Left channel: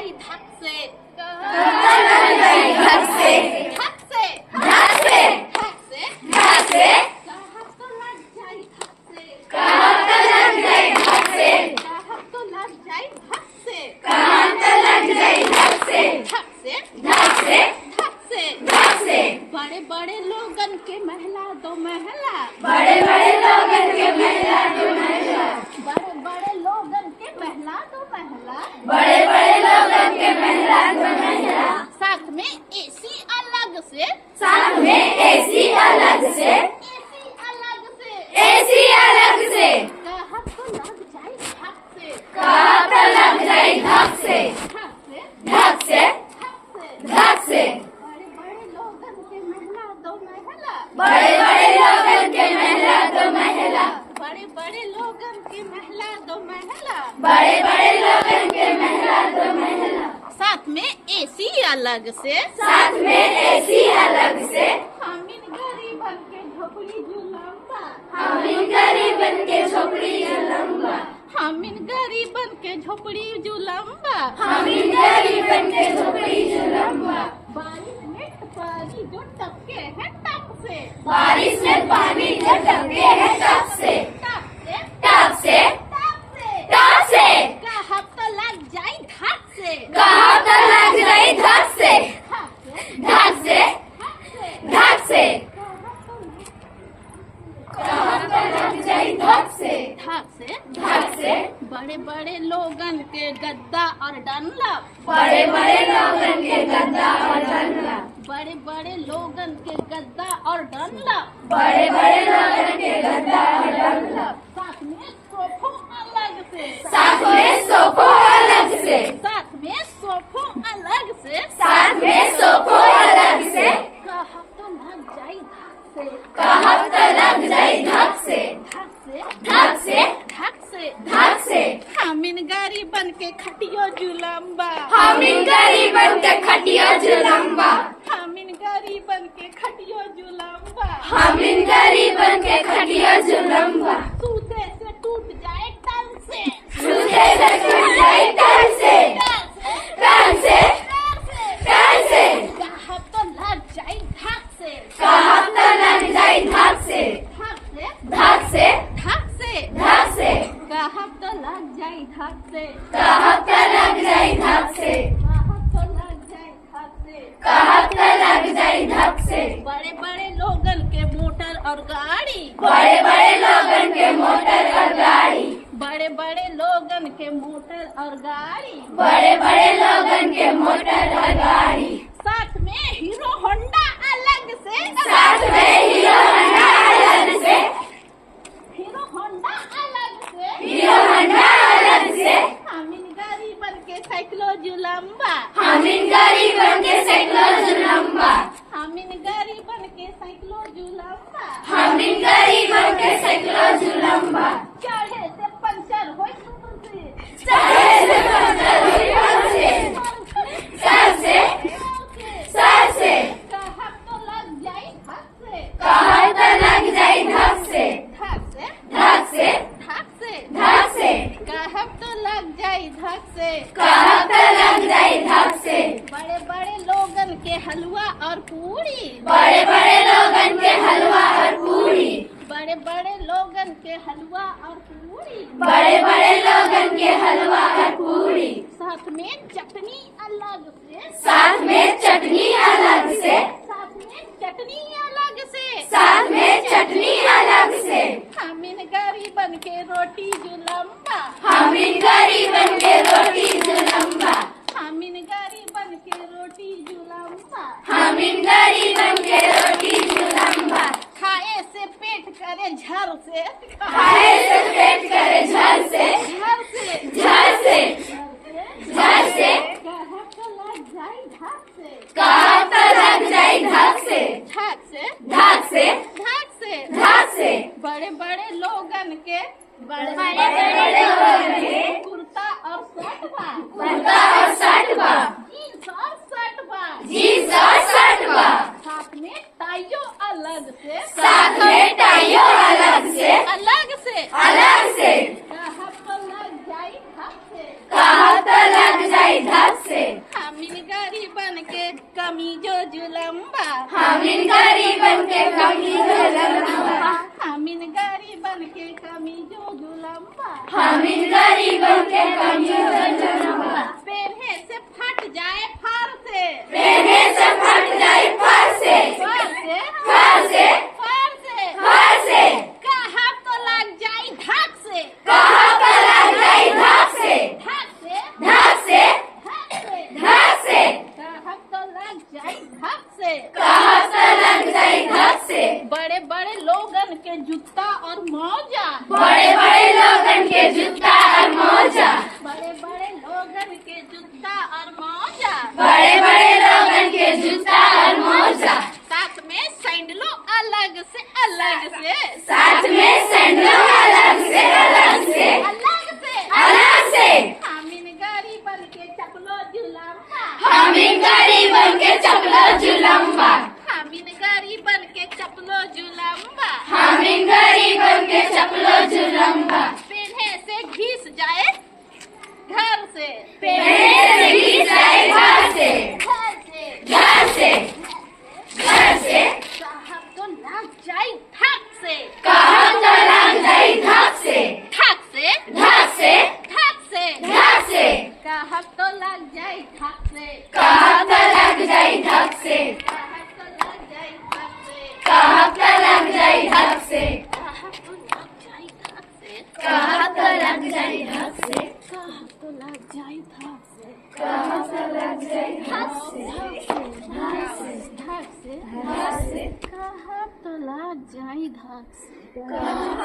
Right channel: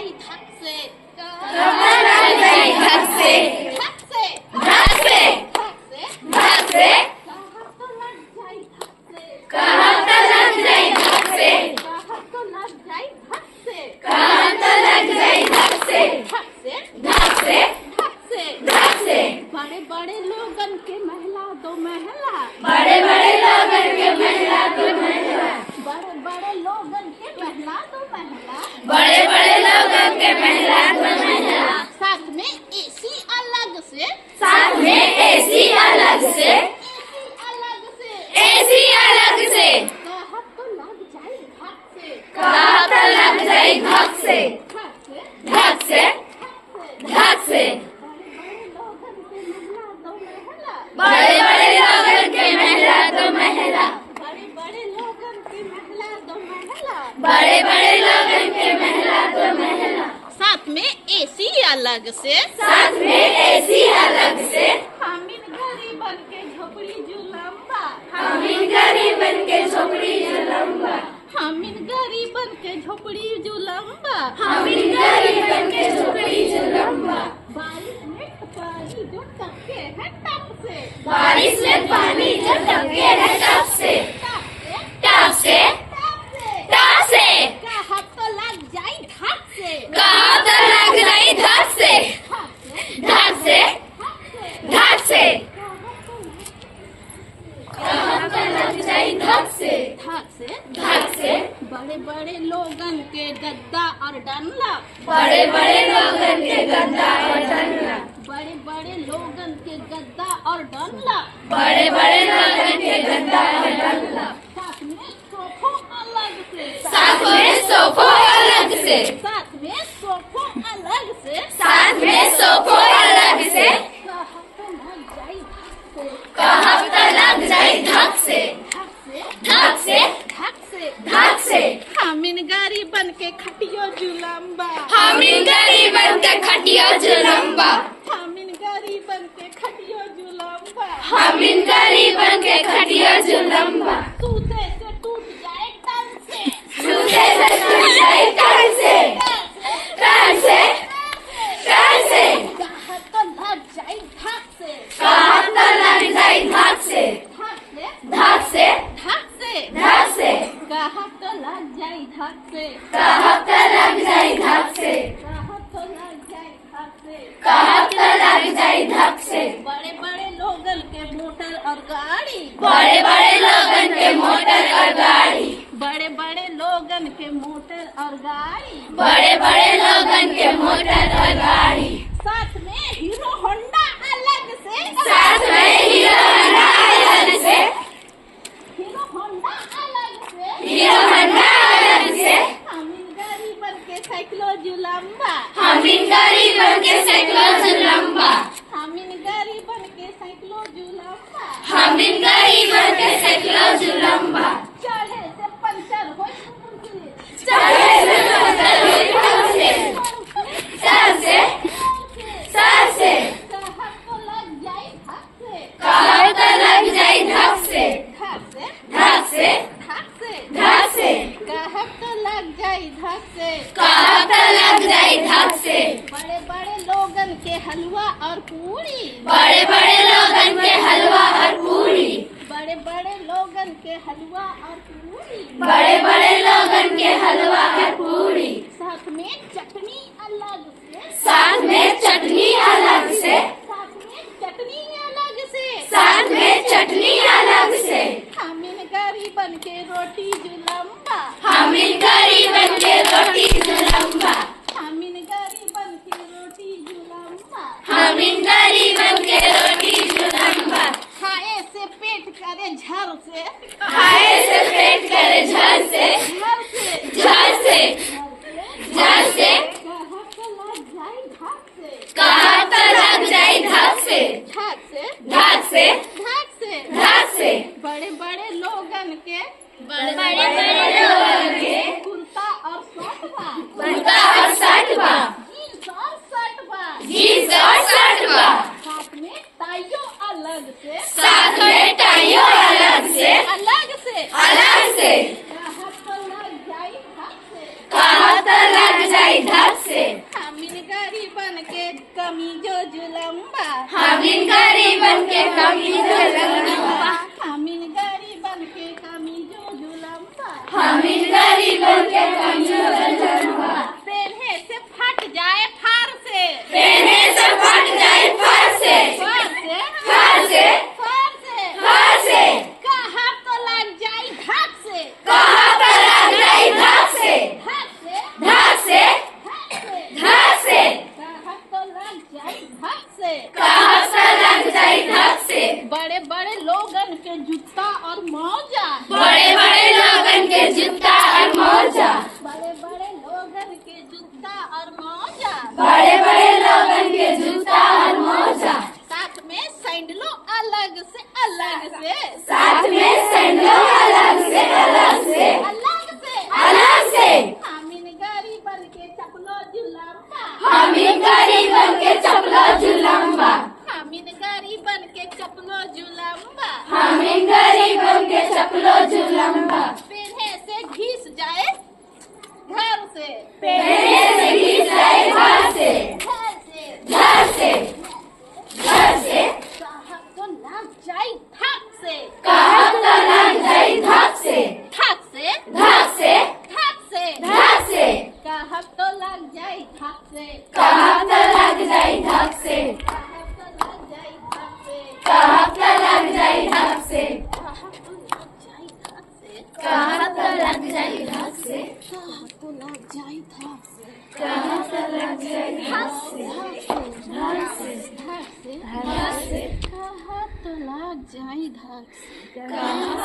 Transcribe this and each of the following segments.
जाई धक से, कहाँ तो लग जाई धक से, धक से, धक से, धक से, धक से, कहाँ तो लग जाई धक से, कहाँ तो लग जाई धक से, कहाँ तो लग जाई धक से, कहाँ तो लग जाई धक से, धक से, धक से, धक से, धक से। बड़े बड़े लोगन के महला दो महला, बड़े बड़े लोगन के महिला तो महिला, बड़े बड़े लोगन के महला दो महला, बड़े बड़े लोगन के महिला तो महिला, साथ में एसी अलग से, साथ में एसी अलग से, एसी अलग से, एसी अलग से, कहाँ तो लग जाई धक से, कहाँ तो लग जाई धक से, धक से, धक से, धक से, धक से। बड़े बड़े लोगन के महला दो महला, बड़े बड़े लोगन के महिला तो महिला, बड़े बड़े लोगन के महला दो महला, बड़े बड़े लोगन के महिला तो महिला, साथ में एसी अलग से, साथ में एसी अलग से, हामिद गरीबन के झोपड़ी जुलम्बा, हमीन गरीबन के झोपड़ी जुलम्बा, हामिद गरीबन के झोपड़ी जुलम्बा, हमीन गरीबन के झोपड़ी जुलम्बा। बारिश में पानी जो टपके है टप से, बारिश में पानी जो टपके है टप से, टप से, टप से, टप से, टप से, कहाँ तो लग जाई धक से, कहाँ तो लग जाई धक से, धक से, धक से, धक से, धक से, कहाँ तो लग कहाँ तो लग जाई धक से, धक से, धक से। बड़े बड़े लोगन के गद्दा और डंडा, बड़े बड़े लोगन के गद्दा और डंडा, बड़े बड़े लोगन के गद्दा और डंडा, बड़े बड़े लोगन के गद्दा और डंडा, साथ में सोफो अलग से, साथ में सोफो अलग से, साथ में सोफो अलग से, साथ में सोफो अलग से, कहाँ तो लग जाई धक से, कहाँ तो लग जाई धक से, धक से, धक से, धक से, धक से। हामिन गरीबन के खटियो जुलम्बा, हमीन गरीबन के खटिया जुलम्बा, हामिन गरीबन के खटियो जुलम्बा, हमीन गरीबन के खटिया जुलम्बा, सूते से टूट जाए तन से, सूते से टूट जाई तन से, तन से, तन से, कहाँ तो लग जाई धक से, कहाँ तो लग जाई धक से, धक से, धक से, धक से, धक से, कहाँ तो लग जाई धक से, कहाँ तो लग जाई धक से, कहाँ तो लग जाई धक से, कहाँ तो लग जाई धक से। बड़े बड़े लोगन के मोटर और गाड़ी, बड़े बड़े लोगन के मोटर और गाड़ी, बड़े बड़े लोगन के मोटर और गाड़ी, बड़े बड़े लोगन के मोटर और गाड़ी, साथ में हीरो होंडा अलग से, साथ में हीरो होंडा अलग से, हीरो होंडा अलग से, हीरो होंडा अलग से, हामिन गरीबन के साइकिलो जुलम्बा, हमीन गरीबन के साइकिलो जुलम्बा, हामिन गरीबन के साइकिलो जुलम्बा, हमीन गरीबन के साइकिलो जुलम्बा, चढ़े से पंचर होई तुमसे, चढ़े से पंचर हुई टप से, सर से, सर से, कहाँ तो लग जाई धक से, कहाँ तो लग जाई धक से, धक से, धक से, धक से, धक से, कहाँ तो लग जाई धक से, कहाँ तो लग जाई धक से। बड़े बड़े लोगन के हलवा और पूरी, बड़े बड़े लोगन के हलवा और पूरी, बड़े बड़े लोगन के हलवा और पूरी, बड़े बड़े लोगन के हलवा और पूरी, साथ में चटनी अलग से, साथ में चटनी अलग से, साथ में चटनी अलग से, साथ में चटनी अलग से, हामिन गरीबन के रोटी जुलम्बा, हमीन गरीबन के रोटी जुलम्बा, हामिन गरीबन के रोटी जुलम्बा, हमीन गरीबन के रोटी जुलम्बा, खाए से पेट करे झर से, खाए से पेट करे झर से, झर से, झर से, झर से, कहाँ तो लग जाई धक से, कहाँ तो लग जाई धक से, धक से, धक से, धक से, धक से। बड़े बड़े लोगन के, बड़े बड़े लोगन के कुर्ता और शर्ट बा, कुर्ता और शर्ट बा, जीन्स और शर्ट बा, जीन्स और शर्ट बा, साथ में टाइयो अलग से, साथ में टाइयो अलग से, अलग से, अलग से, कहाँ तो लग जाई धक से, कहाँ कमीजो जुलम्बा हामिन गरीबन के कमीजो जुलम्बा हामिन गरीबन के कमीजो जुलम्बा हामिन गरीबन के कमीजो जुलम्बा पहने से फट जाए फार से पहने से फट जाए फार से फार से फार से फार से फार से कहा तो लग जाए धाक से कहाँ पे लग जाए धाक से धाक से धाक से धाक से धाक से कहा तो लग जाए धाक से कहाँ पे लग जाए धाक से बड़े बड़े लोगन के जूता और मौजा बड़े बड़े लोगन के जूता और मोजा बड़े बड़े लोगन के जूता और मौजा बड़े बड़े लोगन के जूता और मोजा साथ में सैंडलो अलग से अलग से साथ में सैंडलो अलग से अलग से अलग से अलग से हामिन गरीबन के चपलो जुलम्बा हामिन गरीबन के चपलो जुलम्बा हामिन गरीबन के चपलो जुलम्बा हामिन गरीबन के चपलो जुलम्बा पहने से घिस जाए घर से पहने से घिस जाए घर से घर से घर से घर से साहब तो लग जाए थक से कहाँ तो लग जाए धाक से थक से धाक से थक से धाक से साहब तो लग जाए थक से कहाँ तो लग जाए धाक से साहब तो लग जाए थक से कहाँ तो लग जाए धाक से साहब तो लग जाए थक से कहाँ तो लग जाए धाक से साहब तो लग जाए थक से कहाँ तो लग जाए धाक से धक से धाक से कहा तो लग जाए धक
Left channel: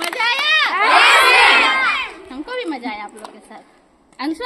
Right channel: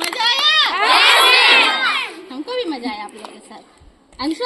मजा आया हमको भी मजा आया आप लोग के साथ अंशु